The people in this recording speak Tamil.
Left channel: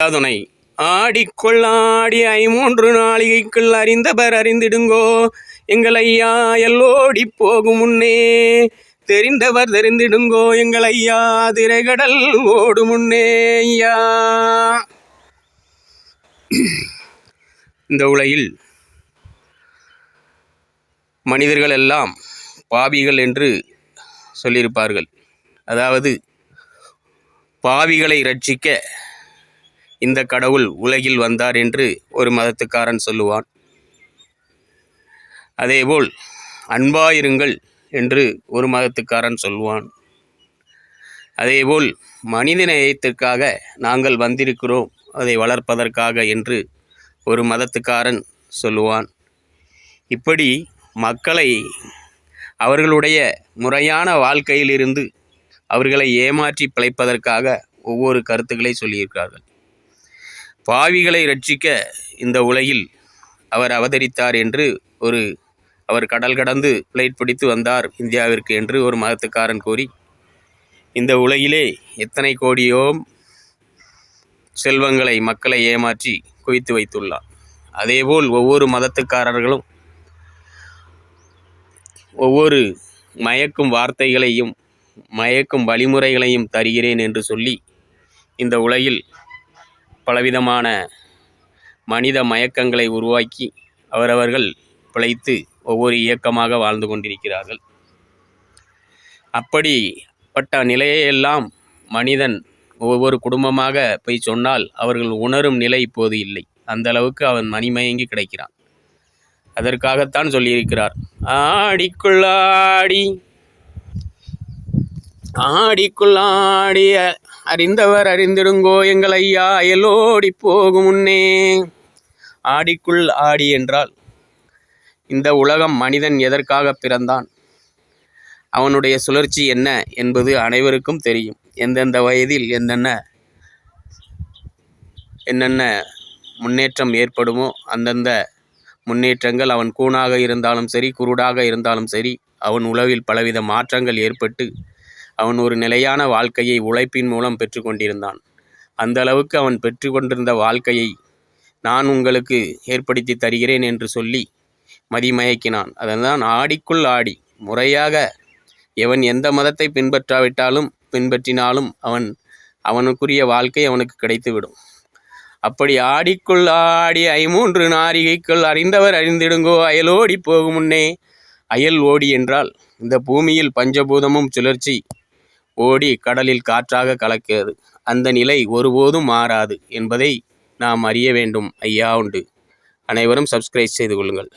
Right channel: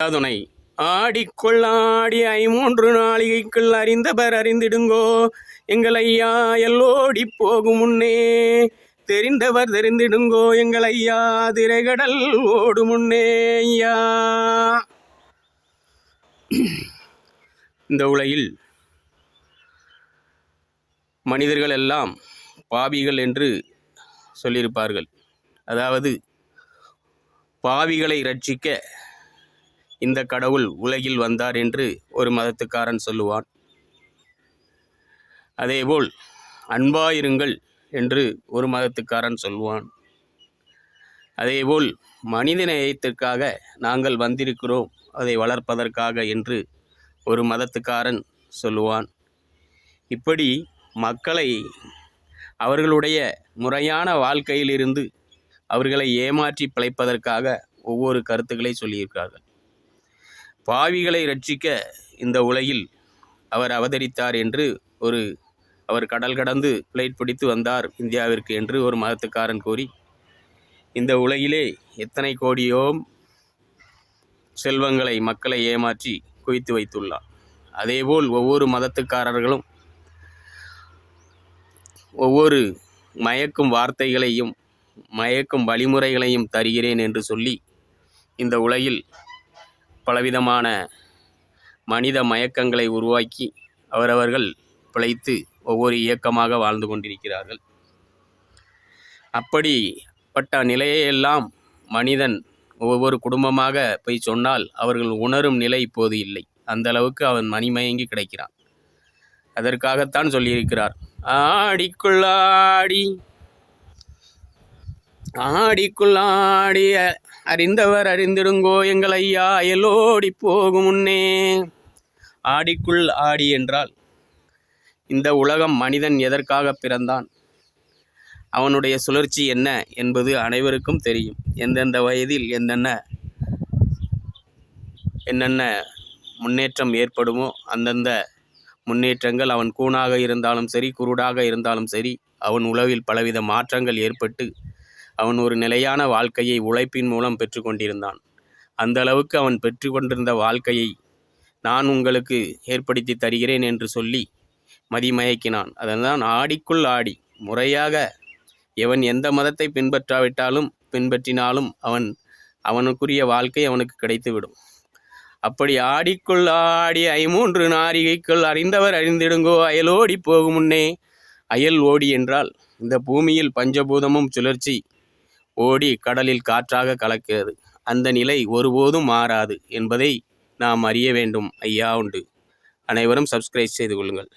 துணை ஆடிக்கொள்ளாடி 3 நாளிகைக்குள் அறிந்தவர் அறிந்திடுங்கோ எங்கள் ஐயா எல்லோடி போகும் முன்னே தெரிந்தவர் தெரிந்திடுங்கோ எங்கள் ஐயா திரைகடல் ஓடு முன்னே ஐயா. இந்த உலகில் மனிதர்கள் எல்லாம் பாவிகள் என்று சொல்லியிருப்பார்கள். அதாவது பாவிகளை ரட்சிக்க இந்த கடவுள் உலகில் வந்தார் என்று ஒரு மதத்துக்காரன் சொல்லுவான். அதேபோல் அன்பாயிருங்கள் என்று ஒரு மதத்துக்காரன் சொல்லுவான். அதேபோல் மனித நேயத்திற்காக நாங்கள் வந்திருக்கிறோம், அதை வளர்ப்பதற்காக என்று ஒரு மதத்துக்காரன் சொல்லுவான். இப்படி மக்களை அவர்களுடைய முறையான வாழ்க்கையிலிருந்து அவர்களை ஏமாற்றி பிழைப்பதற்காக ஒவ்வொரு கருத்துக்களை சொல்லியிருக்கிறார்கள். பாவிகளை ரட்சிக்க இந்த உலகில் அவர் அவதரித்தார் என்று அவர் கடல் கடந்து பிளைட் பிடித்து வந்தார் இந்தியாவிற்கு என்று ஒரு மதத்துக்காரன் கூறி இந்த உலகிலே எத்தனை கோடியோ செல்வங்களை மக்களை ஏமாற்றி குவித்து வைத்துள்ளார். அதேபோல் ஒவ்வொரு மதத்துக்காரர்களும் ஒவ்வொரு மயக்கும் வார்த்தைகளையும் மயக்கும் வழிமுறைகளையும் தருகிறேன் என்று சொல்லி இந்த உலகில் பலவிதமான மனித மயக்கங்களை உருவாக்கி அவரவர்கள் பிழைத்து ஒவ்வொரு இயக்கமாக வாழ்ந்து கொண்டிருக்கிறார்கள். அப்படிப்பட்ட நிலையெல்லாம் மனிதன் ஒவ்வொரு குடும்பமாக போய் சொன்னால் அவர்கள் உணரும் நிலை இப்போது இல்லை. அந்த அளவுக்கு அவன் மணிமயங்கி கிடைக்கிறான். அதற்காகத்தான் சொல்லியிருக்கிறார், ஆடிக்குள்ளாடி ஆடிக்குள்ளாடி அறிந்தவர் அறிந்திடுங்கோ எங்கள் ஐயா எல்லோடி போகும் முன்னே. ஆடிக்குள் ஆடி என்றால் இந்த உலகம் மனிதன் எதற்காக பிறந்தான், அவனுடைய சுழற்சி என்ன என்பது அனைவருக்கும் தெரியும். எந்தெந்த வயதில் என்னென்ன முன்னேற்றம் ஏற்படுமோ அந்தந்த முன்னேற்றங்கள் அவன் கூனாக இருந்தாலும் சரி குருடாக இருந்தாலும் சரி அவன் உளவில் பலவித மாற்றங்கள் ஏற்பட்டு அவன் ஒரு நிலையான வாழ்க்கையை உழைப்பின் மூலம் பெற்று கொண்டிருந்தான். அந்த அளவுக்கு அவன் பெற்று கொண்டிருந்த வாழ்க்கையை நான் உங்களுக்கு ஏற்படுத்தி தருகிறேன் என்று சொல்லி மதிமயக்கினான். அதன்தான் ஆடிக்குள் ஆடி. முறையாக எவன் எந்த மதத்தை பின்பற்றினாலும் அவனுக்குரிய வாழ்க்கை அவனுக்கு கிடைத்துவிடும். அப்படி ஆடிக்குள் ஆடி 3 நாரிகைக்குள் அறிந்தவர் அறிந்திடுங்கோ அயலோடி போகும் முன்னே. அயல் ஓடி என்றால் இந்த பூமியில் பஞ்சபூதமும் சுழற்சி ஓடி கடலில் காற்றாக கலக்கிறது. அந்த நிலை ஒருபோதும் மாறாது என்பதை நாம் அறிய வேண்டும் ஐயா உண்டு. அனைவரும் சப்ஸ்கிரைப் செய்து கொள்ளுங்கள்.